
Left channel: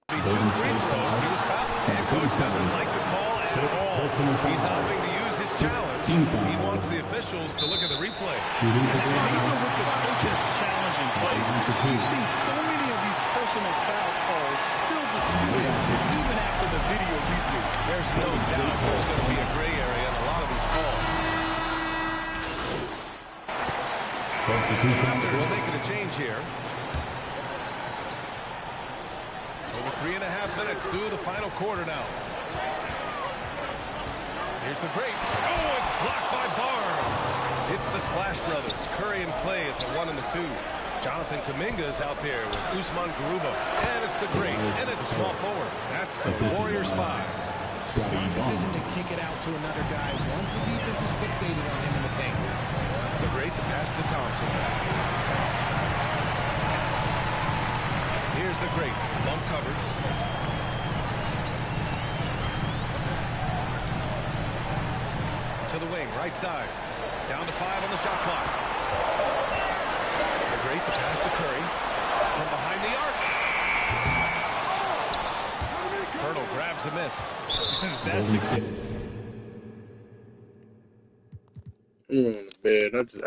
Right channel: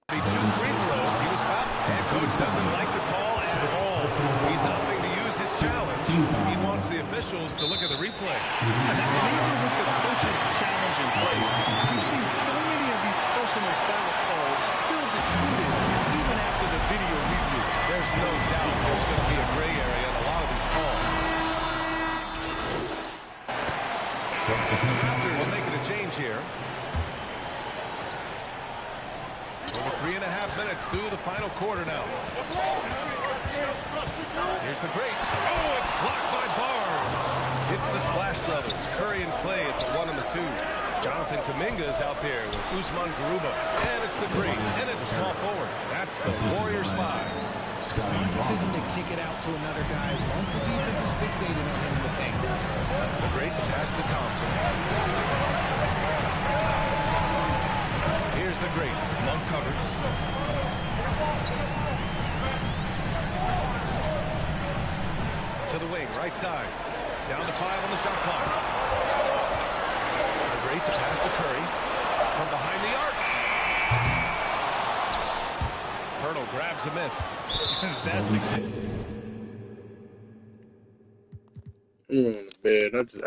be 2 free throws. He was fouled. And coach doesn't like the call at all. He's opting to use his challenge. He wants the officials to look at the replay. And even with the coach's challenge in place, we've seen so many of these personal foul calls still disputed even after the video review. There's no doubt there's going to be a gray area in a lot of these calls. The Raptors making a change here. Over 3.5 minutes through the final quarter now. Here's the Great. Oh, it's blocked by Barnes. It's the Splash Brothers, Curry and Clay at the 1 and the 2. Jonathan Kuminga's out there with Usman Garuba. And it's the Great, and it's the small forward. That's the Warriors 5. Smart decision to kick it out to another guy once the defense is fixated on him in the paint. The Great, the pass to Thompson. Here's the Great. Monk covers. To the wing, right side. Down to 5 on the shot clock. The Great, the pass to Curry. From behind the arc. Pirtle grabs a miss. That's I'm going to bed. I just